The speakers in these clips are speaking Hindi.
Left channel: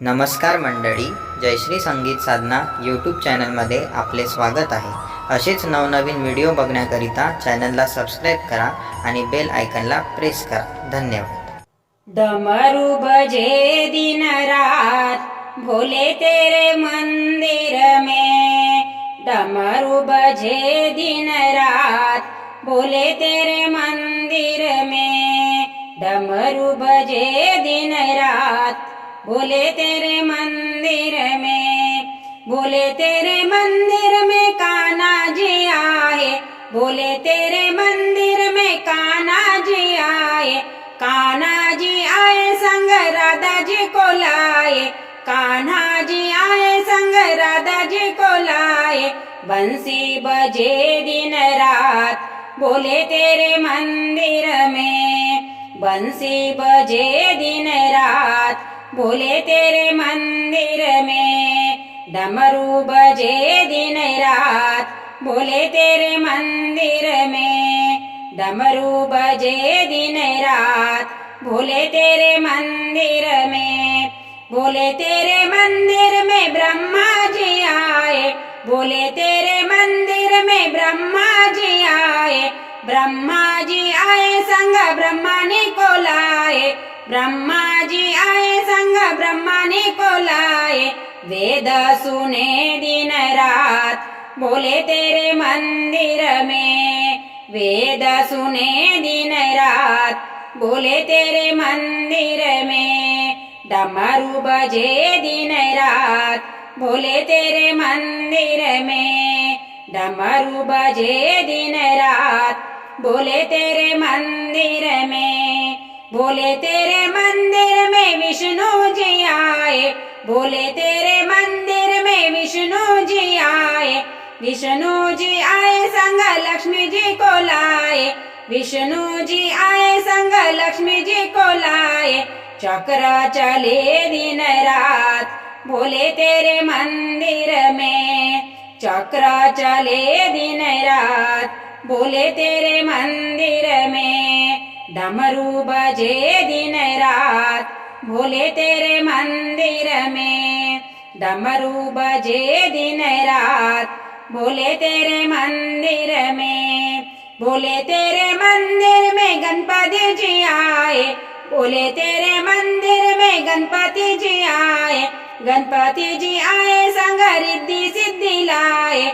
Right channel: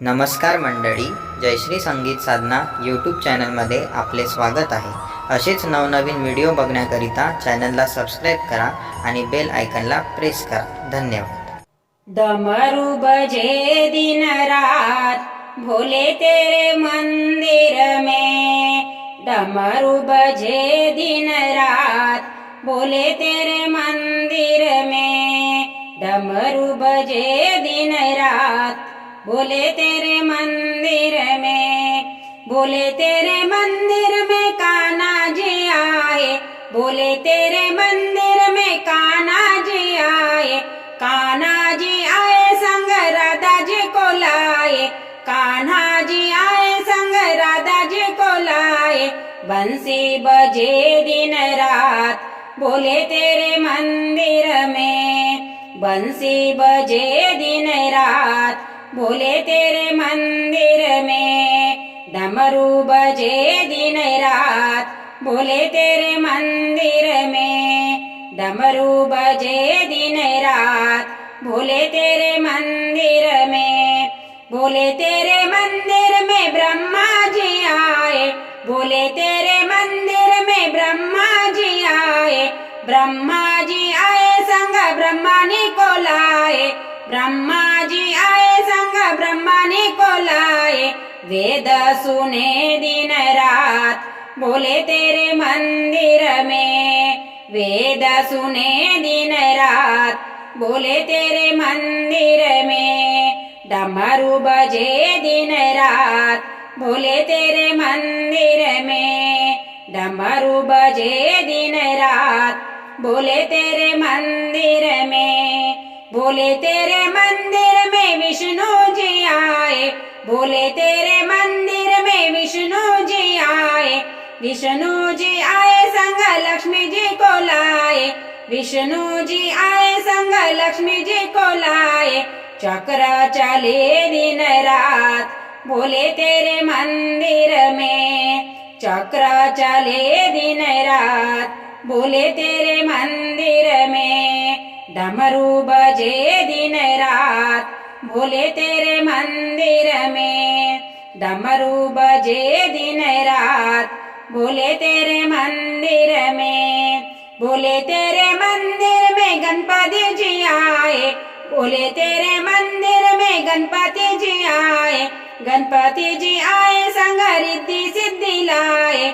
नमस्कार मंडळी जयश्री संगीत साधना यूट्यूब चॅनलमध्ये आपले स्वागत आहे. असेच नवनवीन व्हिडिओ बघण्याकरिता चॅनलला सबस्क्राईब करा आणि बेल आयकनला प्रेस करा. धन्यवाद. दमरू बजे दिन रात भोले तेरे मंदिर में. डमरू बजे दिन रात भोले तेरे मंदिर में. डमरू बजे दिन रात भोले तेरे मंदिर में, बोले तेरे मंदिर में काना जी आए, बोले तेरे मंदिर में काना जी आए काना जी आए संग राधा जी को लाए, कान्हा जी आए संग राधा जी को लाए, बंसी बजे दिन रात, बोले तेरे मंदिर में, बंसी बजे दिन रात बोले तेरे मंदिर में डमरू बजे दिन रात। बोले तेरे मंदिर में डमरू बजे दिन रात। भोले तेरे मंदिर में, बोले तेरे मंदिर में ब्रह्मा जी आए। बोले तेरे मंदिर में ब्रह्मा जी आए। ब्रह्मा जी आए, संग ब्रह्मानी को लाए। ब्रह्मा जी आए, संग ब्रह्मानी को लाए वेद सुने दिन रात, बोले तेरे मंदिर में। वेद सुने दिन रात, बोले तेरे मंदिर में। डमरू बजे दिन रात, बोले तेरे मंदिर में। डमरू बजे दिन रात, बोले तेरे मंदिर बोले, तेरे मंदिर में विष्णु जी आए। बोले, तेरे मंदिर में विष्णु जी आए। विष्णु जी आए, संग लक्ष्मी जी को लाए। विष्णु जी आए, संग लक्ष्मी जी को लाए। चक्र चले दिन रात। बोले, तेरे मंदिर में चक्र चले दिन रात। बोले, तेरे मंदिर में डमरू बजे दिन रात भोले तेरे मंदिर में। डमरू बजे दिन रात भोले तेरे मंदिर में। भोले तेरे मंदिर में गणपति जी आए बोले तेरे मंदिर में गणपति जी आए। गणपति जी आए, संग रिद्धि सिद्धि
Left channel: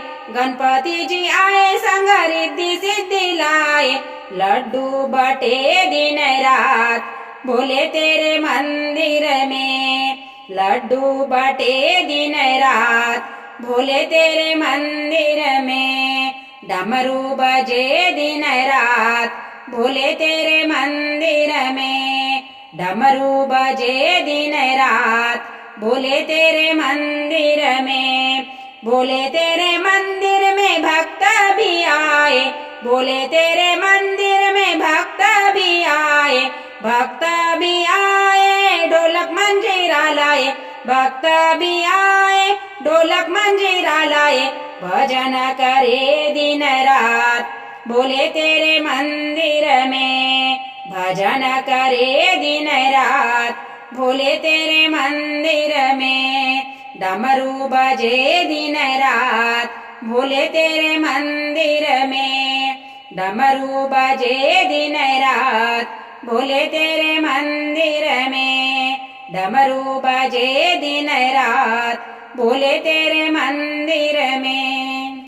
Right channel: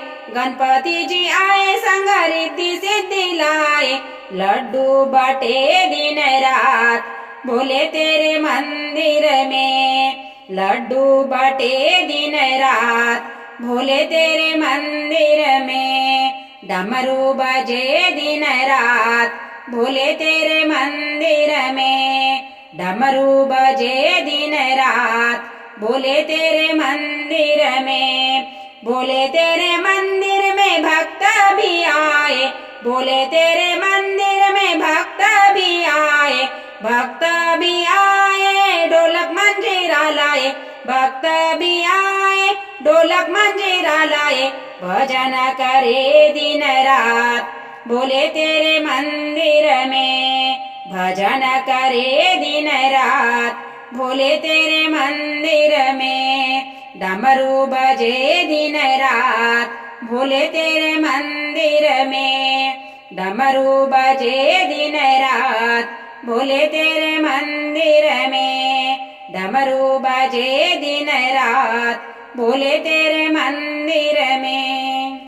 लाए गणपति जी आए संग रिद्धि सिद्धि लाए लड्डू बटे दिन रात बोले तेरे मंदिर में लड्डू बटे दिन रात भोले तेरे मंदिर में डमरू बजे दिन रात भोले तेरे मंदिर में डमरू बजे दिन रात भोले तेरे मंदिर में बोले तेरे मंदिर में भक्त भी आए। बोले तेरे मंदिर में भक्त भी आए। भक्त भी आए, ढोलक मंजीरा लाए। भक्त भी आए, ढोलक मंजीरा लाए। भजन करे दिन रात। बोले तेरे मंदिर में भजन करे दिन रात। भोले तेरे मंदिर में डमरू बजे दिन रात, भोले तेरे मंदिर में। डमरू बजे दिन रात, भोले तेरे मंदिर में। डमरू बजे दिन रात, भोले तेरे मंदिर में।